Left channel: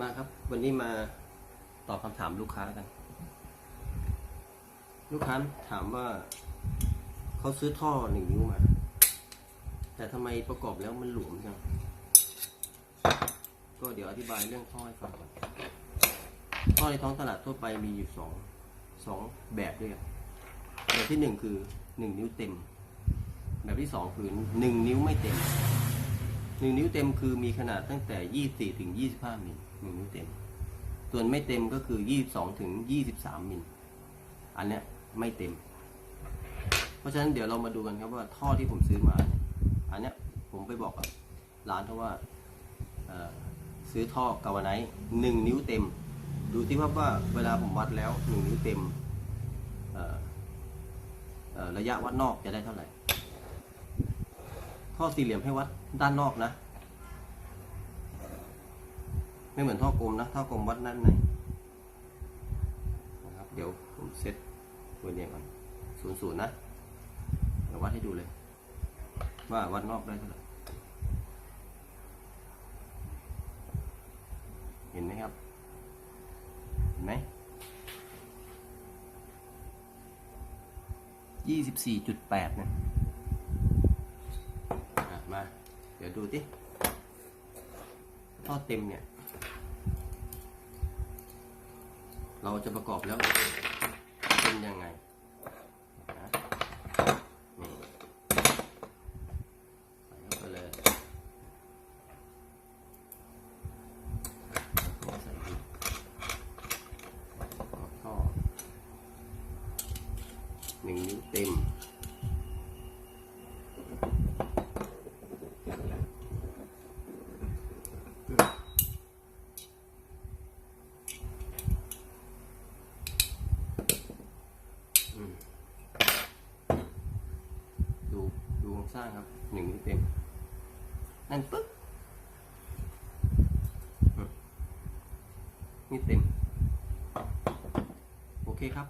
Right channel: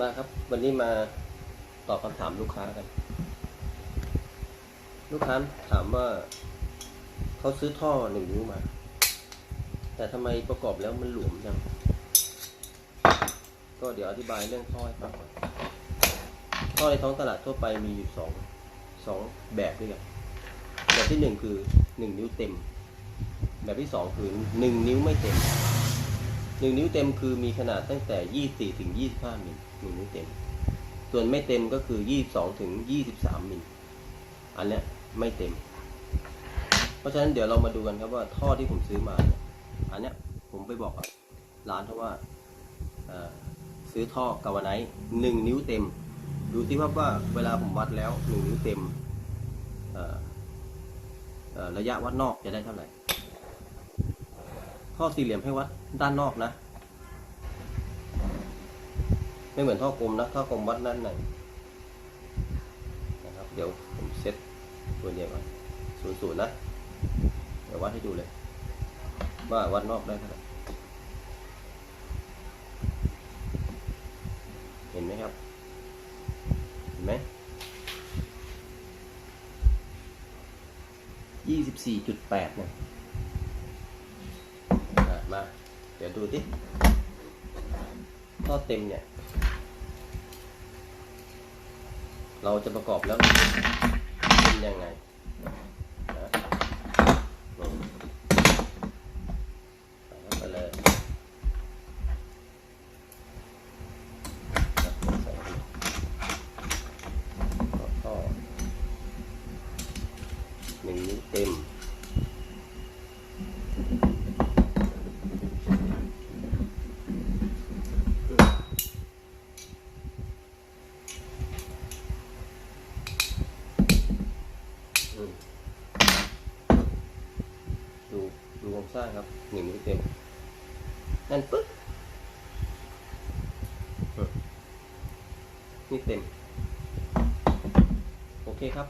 มาครับ วันนี้มาตอบคำถามลูกค้ากัน ลูกค้าถามว่าเขาซื้อท่อหนึ่งนิ้วมา แต่ทำไมประกอบแล้วมันหลวมจัง ก็เดี๋ยวอธิบายเรื่องท่อให้ฟังท่อในท้องตลาดทั่วไปมีอยู่สองสองแบบด้วยกันแบบที่หนึ่งคือหนึ่งนิ้วเต็ม แบบที่สองคือหนึ่งนิ้วไม่เต็ม หนึ่งนิ้วเต็มคือมีขนาดตั้งแต่ยี่สี่ถึงยี่สิบห้ามิลหนึ่งนิ้วเต็ม ส่วนไม่เต็มก็คือยี่สองถึงยี่สิบสามมิลอันเนี้ยไม่เต็ม เพราะฉะนั้นเดี๋ยวเรามาดูกันครับว่าท่อที่ผมซื้อมา อันเนี้ยผมไปบอกร้านเขาว่าซื้อท่อกาวไนท์หนึ่งนิ้วเต็ม ดูที่ว่าว่าเวลาผมวัดแล้วหนึ่งนิ้วเต็มระยะวัดนอกจะได้เท่าไหร่ ท่อสี่เหลี่ยมให้วัดด้านนอกนะ ไม่เหมือนท่อกลมนะท่อกลมวัดด้านในนะครับ เดี๋ยวผมเซตตัวเนี้ยก่อนศูนย์ศูนย์นะ เดี๋ยววัดให้ดูเลย ว่าวัดนอกได้เท่าไหร่เห็นไหมครับ เห็นไหมยี่สิบสี่จุดแปดเนี่ย มา เดี๋ยวดูที่ท่อเต็มเนี่ย เราจะประกอบแล้วเป็นยังไงนะนี่ใส่เข้าเลยหนึ่งนิ้วเต็ม อืมดู ดูโครงสร้างครับหนึ่งนิ้วเต็มนั่นปึ๊บนี่เต็ม โอเคครับ